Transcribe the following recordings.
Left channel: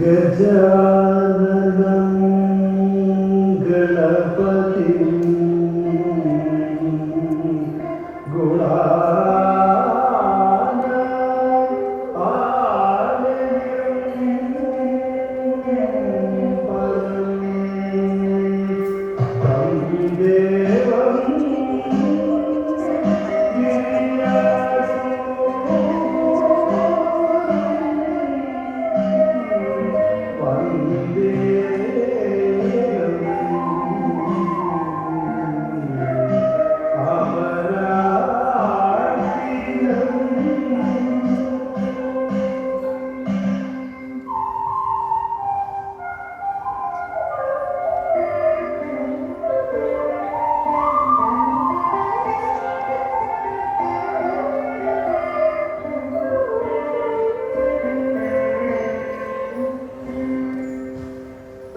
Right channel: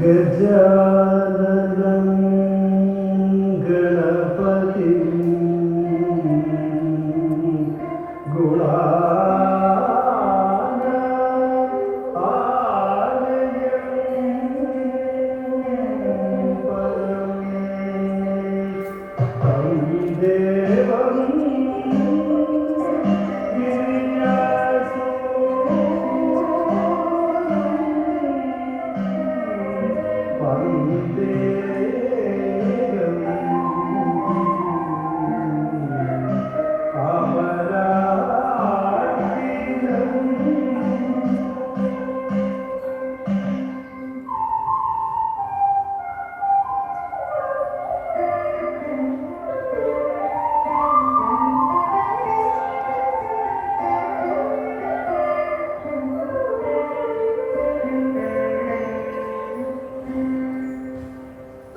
ഗജാനനം Ganapathi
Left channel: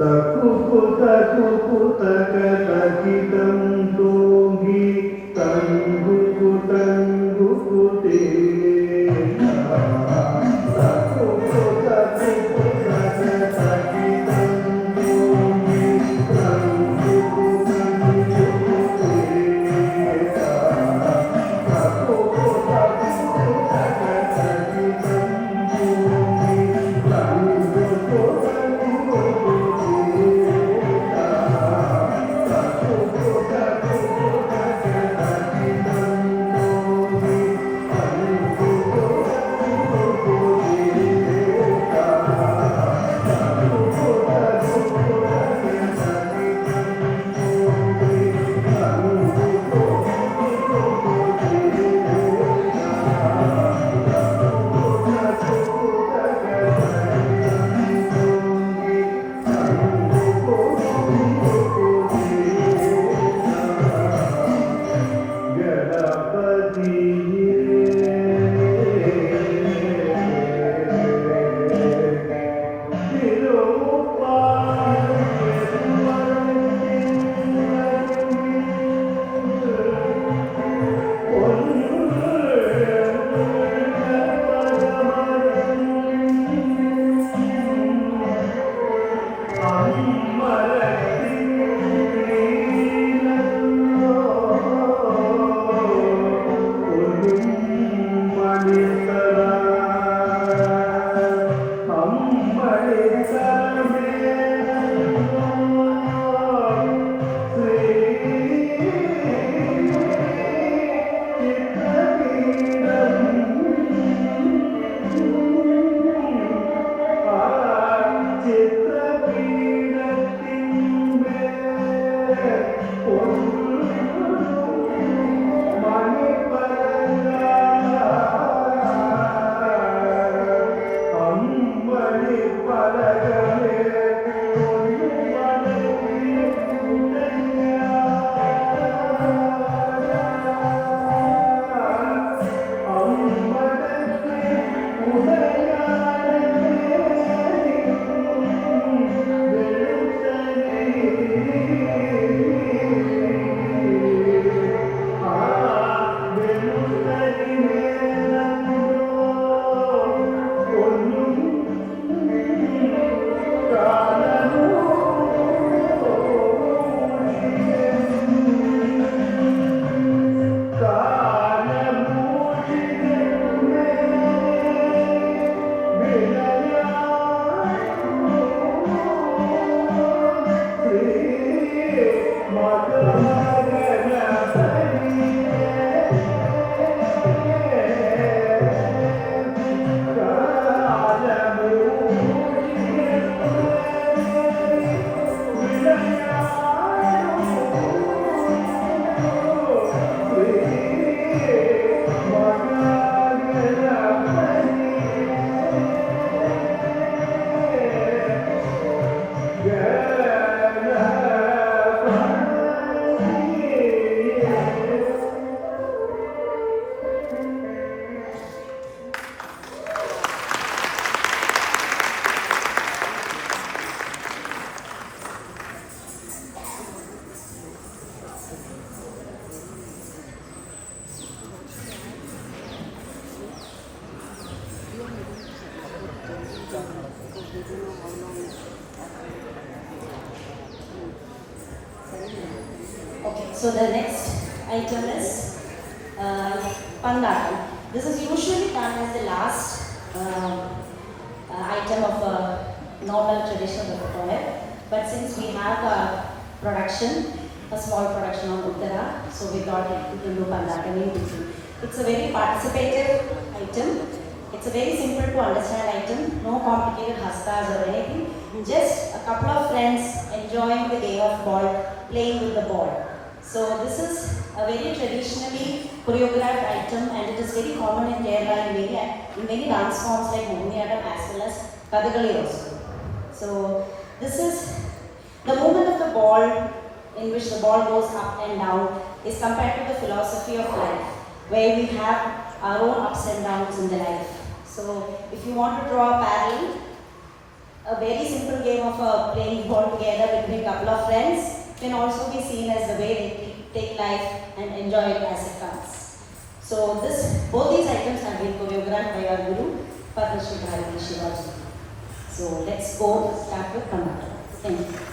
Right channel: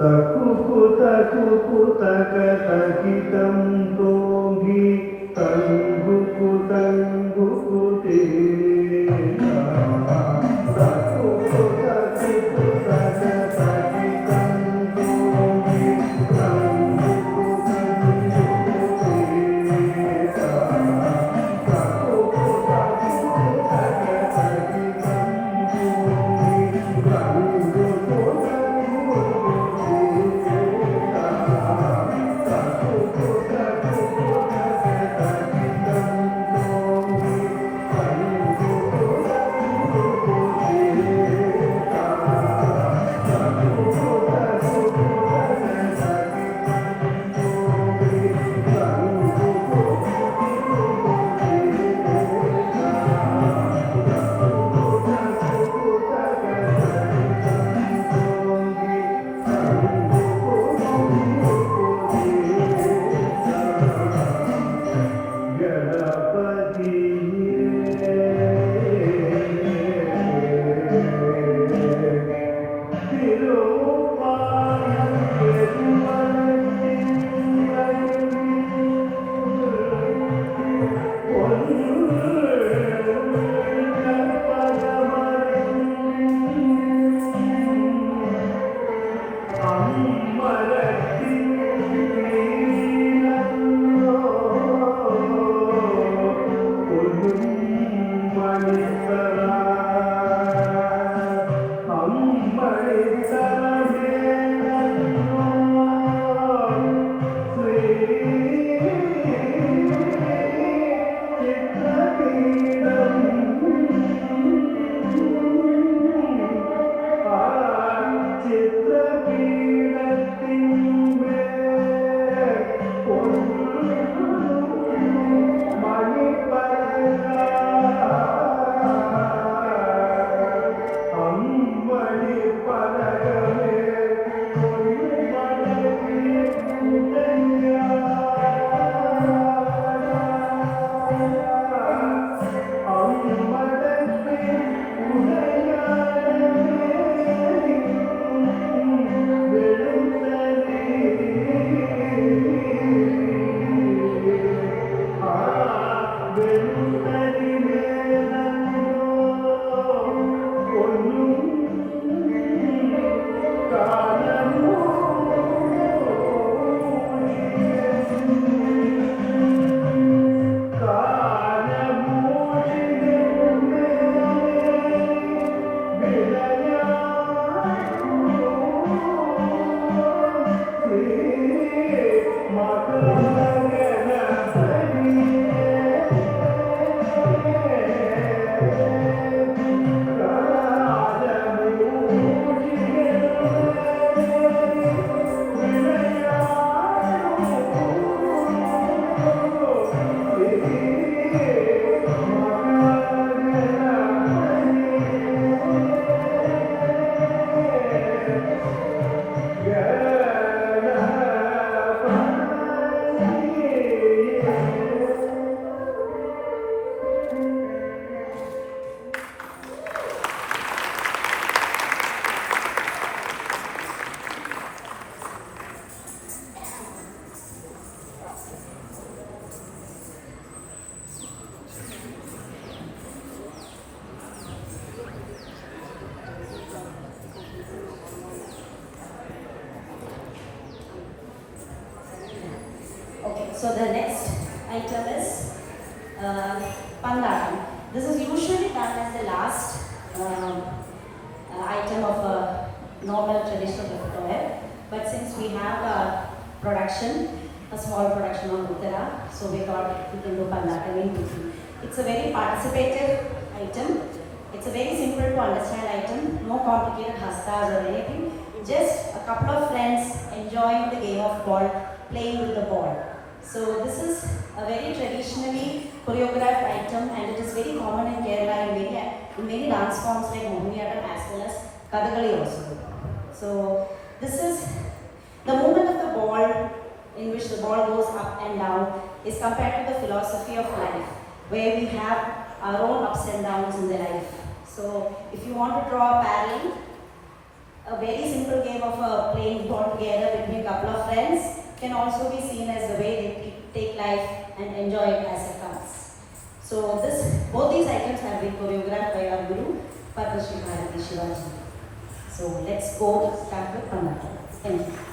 Taku taka takitam togi tanggu te taku taka takitam togi tanggu te taku taka takitam togi tanggu So the next item is Pandal. This is usually done as the last item of a normal traditional repertoire. But since we have a production, a small production of Uttara, so we thought it to do Pandal. It's a very participative item. It's a very simple to understand item, no complicated hastas or anything. Just a couple of friends enjoying the game of ball, playing with the ball. So this is a very traditionally choreographed item and it is very common in Kerala and in many dance forms like Mohiniyattam as well as Kathakali also. So this is the movement of the ball in which the ball goes up and down is compared to the philosophy of life where we have our own ups and downs in the life. So if you want to draw a parallel, a very simple game of playing ball together between a couple of friends can also be seen as the way they take life and enjoy it as it comes. So both these items have been choreographed by our Guru, Padma Shri Bharati Shivaji. So let's go start with Pannattam. Thank you.